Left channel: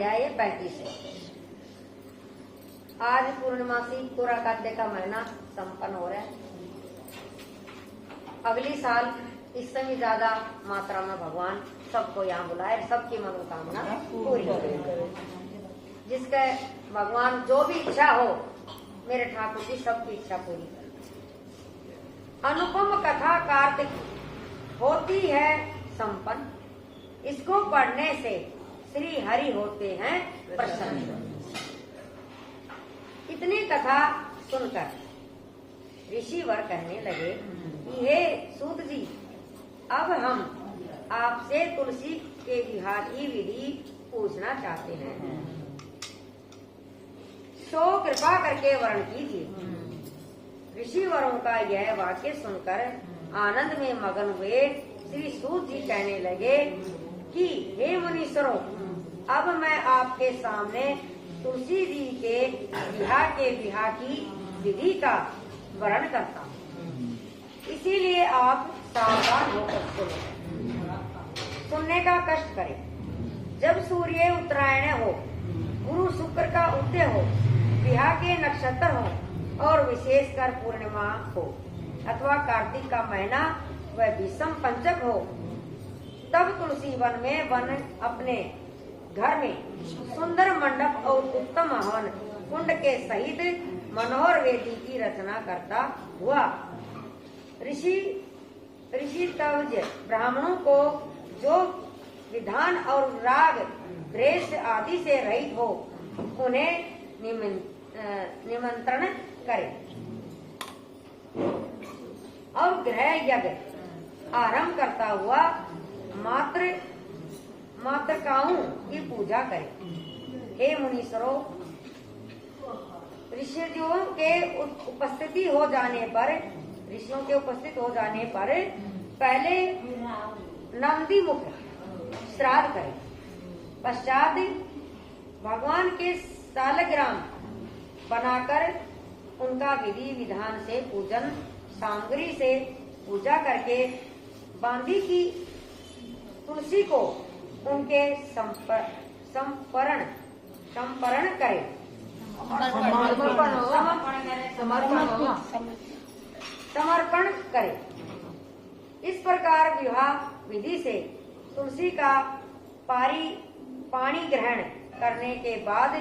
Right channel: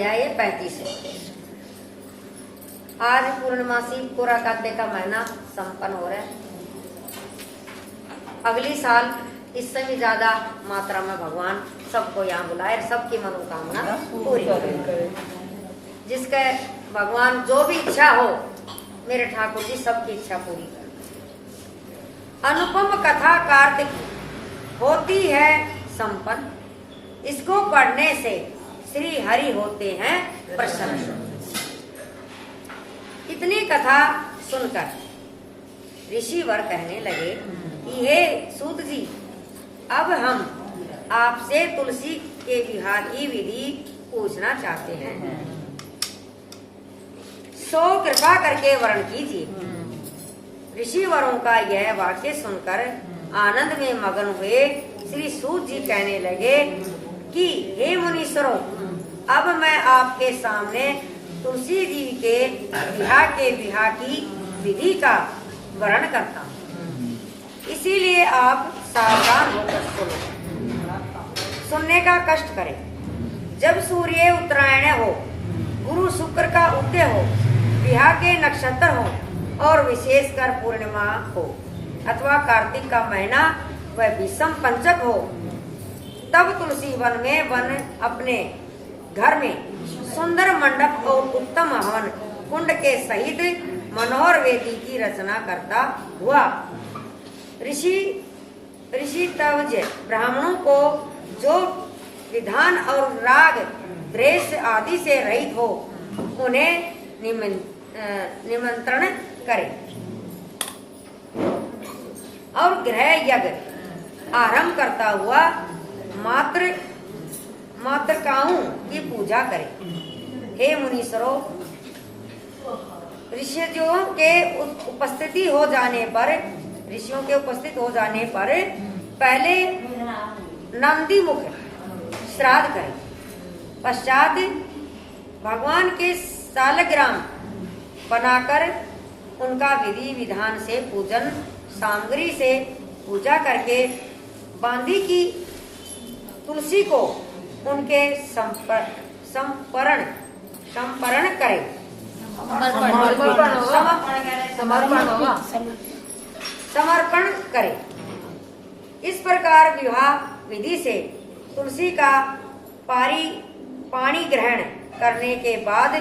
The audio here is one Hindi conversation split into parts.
अध्याय 35 है। आज पूर्णमासी पूरा काव्य का महीना संपन्न हो रहा है। अगली साल इससे भी ज्यादा मात्रा में भगवान सबको यहाँ बुलाए, सबकी मनोकामना पूरी करे। जिसके भगवान जो भी इच्छा हो, मेरे ठाकुर जी सबकी इच्छा पूरी कर। अनुपम कथा कार्तिक होती है संपन्न, इसको पढ़ने से श्री हरि होते हैं प्रसन्न। इतनी कथा सुनकर ऋषि वर कहने लगे कि हे सूत जी, अब हम आपसे तुलसी के विवाह की विधि पूछना चाहते हैं, सो कृपा करके वर्ण कीजिए। ऋषि वरों का यह वाक्य सुनकर आनंद में मगन हुए श्री सूत जी कहने लगे कि हे मुनीश्वरों, अब मैं आपके सामने तुलसी जी के विवाह की विधि का वर्णन करता हूँ, इसीलिए आप सावधान होकर सुनो। सुनने का कष्ट करें। जब सूर्य उत्तरायण हो, गुरु शुक्र का उदय हो, विवाह के नक्षत्र हो और विशेषकर पूर्णिमा हो अथवा कार्तिक का महीना वह विषम पंचक हो, तब तुलसी वन में वन अपने घर में सुंदर मंडप और उत्तम हवन कुंड के सहित मनोहर वेदी की रचना करता हुआ ऋषि तवज ब्राह्मणों को जो विधान और राग द्वेष आदि से रहित हो, उन्हें निमंत्रण करे और गृह यज्ञ आरंभ करता हुआ मातृकाओं की पूजा करे। हे मुनीश्वरों, ऋषियों के उपस्थित हो जाने पर पहले नंदी मुख श्राद्ध करें, पश्चात भगवान के सालग्राम बनाकर उनका विधि विधान से पूजन सामग्री से पूजा करके बांधी की तुलसी को उनके समर्पण करें। समर्पण करें। इस प्रकार विवाह विधि से तुलसी का पानी ग्रहण करने के बाद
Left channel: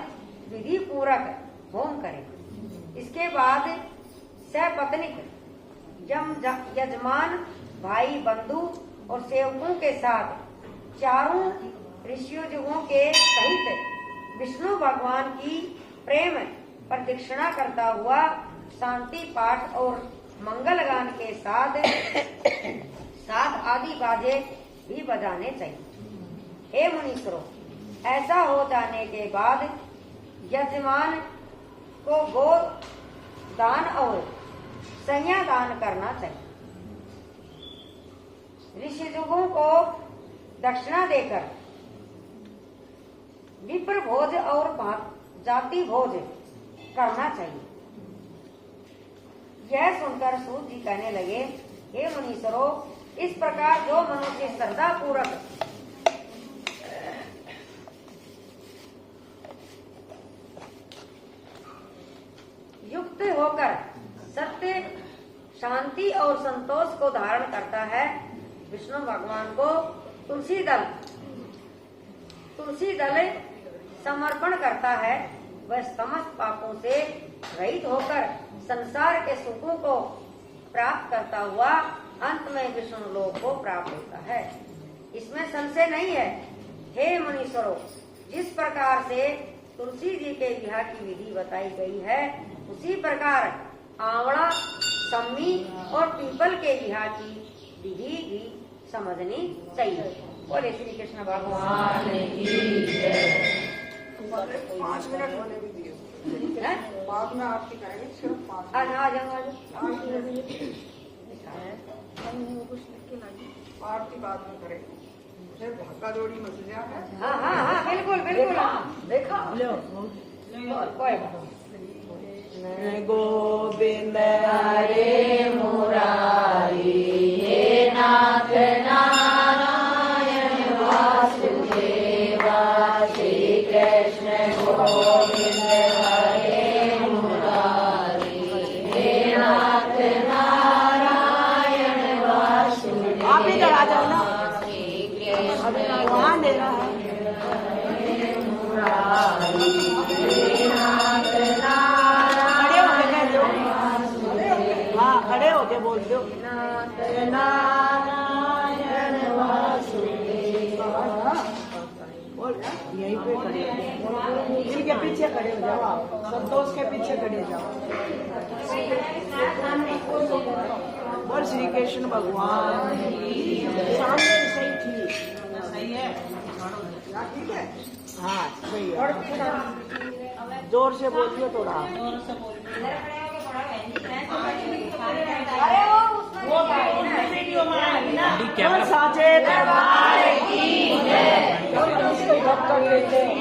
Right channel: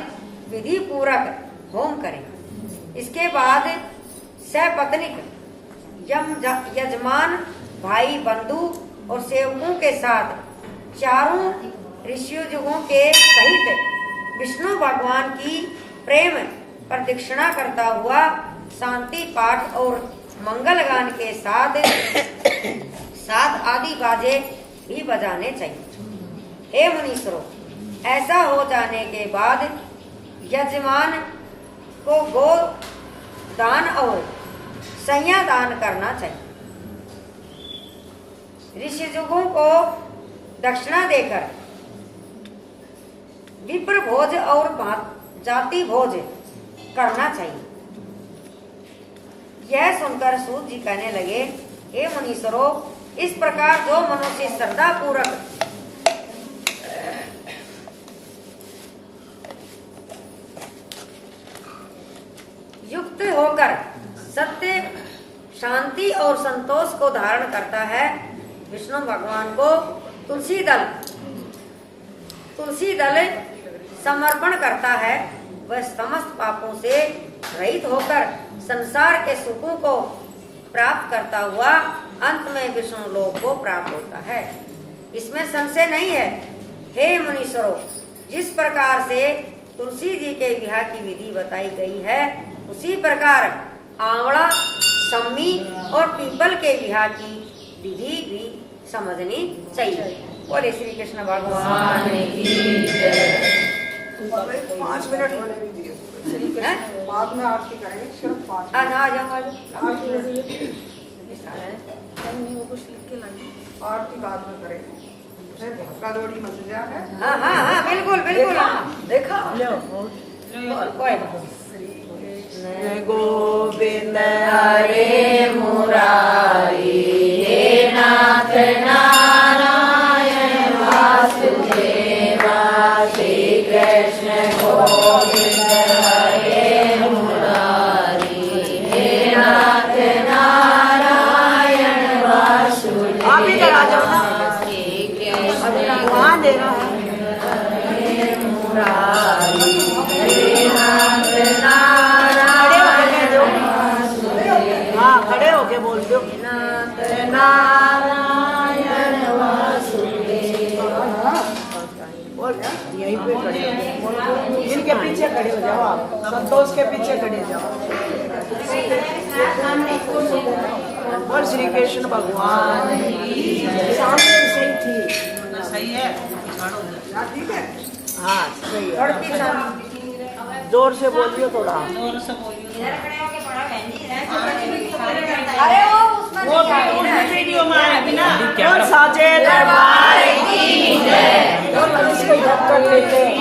विधि पूर्वक होम करें। इसके बाद सपत्नीक यजमान भाई बंधु और सेवकों के साथ चारों ऋषियों के सहित विष्णु भगवान की प्रेम प्रदक्षिणा करता हुआ शांति पाठ और मंगल गान के साथ आदि बाजे भी बजाने चाहिए। हे मुनीश्वरों, ऐसा हो जाने के बाद यजमान को गो दान और संज्ञा दान करना चाहिए। ऋषिजुगों को दक्षिणा देकर विप्र भोज और जाति भोज करना चाहिए। यह सुनकर सूत जी कहने लगे, हे मुनीश्वरों, इस प्रकार जो मनुष्य श्रद्धा पूर्वक युक्त होकर सत्य, शांति और संतोष को धारण करता है, विष्णु भगवान को तुलसी दल समर्पण करता है, वह समस्त पापों से रहित होकर संसार के सुखों को प्राप्त करता हुआ अंत में विष्णु लोक को प्राप्त होता है। इसमें संशय नहीं है। हे मुनीश्वरों, जिस प्रकार से तुलसी जी के विवाह की विधि बताई गई है, उसी प्रकार आंवला, सम्मी और पीपल के विवाह की विधि भी समझनी चाहिए। बोले श्री कृष्ण भगवान की जय। 5 मिनट बाद में आरती करेंगे, सिर्फ 5 वो कुछ लिख के लाइए, आरती बाद में करेंगे, फिर धक्का दौड़ी मच गया है। हाँ बिल्कुल देखा गोविंद हरे मुरारी, हे नाथ नारायण वासुदेवा, श्री कृष्ण संतोष के पीछे खड़े जाओ। और श्री कृष्ण भगवान की सही थी। सही है। ठीक है। हाँ सही है। लड़की सब जोर से बोलिए थोड़ा। जोर से बोलिए। अरे वो उसमें वो नहीं आएगी ना। वीडियो में आएगी ना। बोल साचे दरबार की जय। बोल इसको जप कर लेते हैं।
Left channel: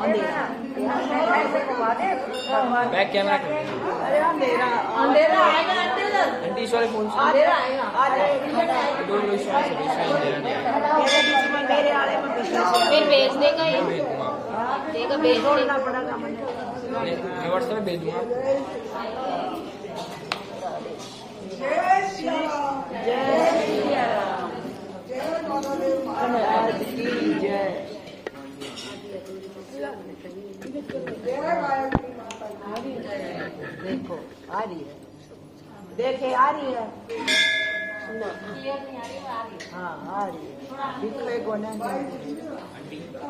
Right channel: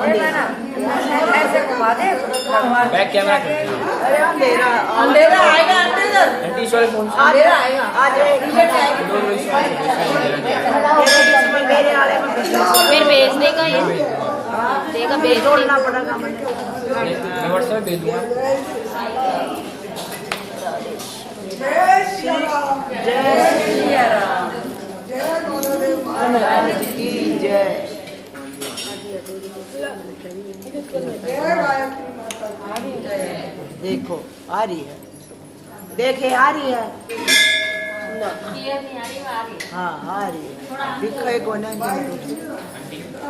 अरे मैडम, ऐसे घुमा दे भगवान बैक कैमरा कर। अरे अंधेरा अंधेरा आएगा अंधेरा। आंटी इस वाले फोन से अंधेरा आएगा। आज मेरे वाले फिर भेज देगा ये देगा भेज जोड़ना पड़ेगा मुझे। मैं व्हाट्सएप पे भेज दूंगा। जय श्री राम। जय श्री राम। जय गुरुदेव महाराज। महाराज की जय। जय गायत्री माता की जय। देखो आ रही है। देखे आ रही है। हाँ आ रही है। दिखे को नहीं।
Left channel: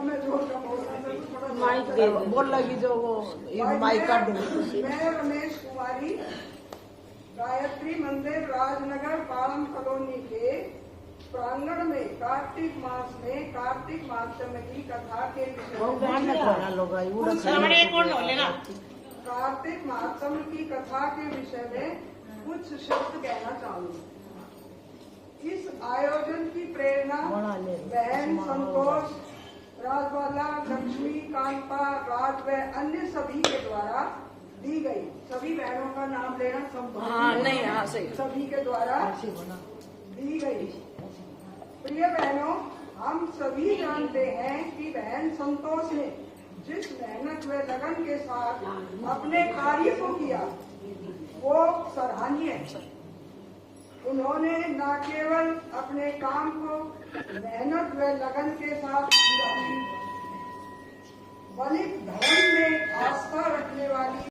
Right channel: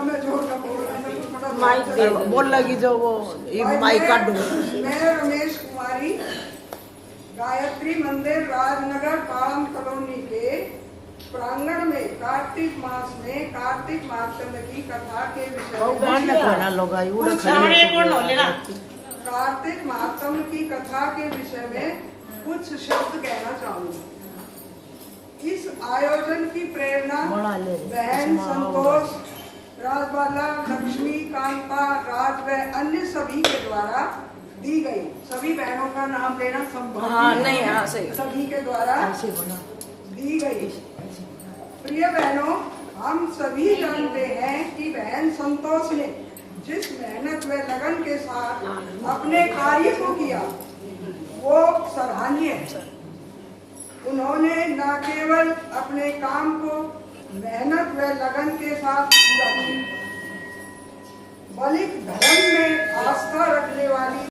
मैं जोर का बोल रहा हूँ। माइक दे बोल लगी जो वो एक माइक का दो। मैं रमेश कुमारी गायत्री मंदिर राजनगर पाम कॉलोनी के प्रांगण में कार्तिक मास में कार्तिक मार्तंड की कथा के कार्तिक मातम की कथा के विषय में कुछ शब्द कहना चाहूंगा। इस आयोजन की प्रेरणा बहन संतोष, राजबाला, लक्ष्मी, कांता, राज व अन्य सभी के द्वारा दी गई। सभी बहनों का नाम लेना संभव नहीं है। सभी के द्वारा दी गई। प्रिय बहनों, हम सभी जानते हैं कि बहन संतोष ने जिस मेहनत व लगन के साथ अपने कार्य को किया वो सराहनीय है। उन्होंने न केवल अपने काम को मेहनत व लगन के साथ पूरा किया, बल्कि धर्म में आस्था रखने वाली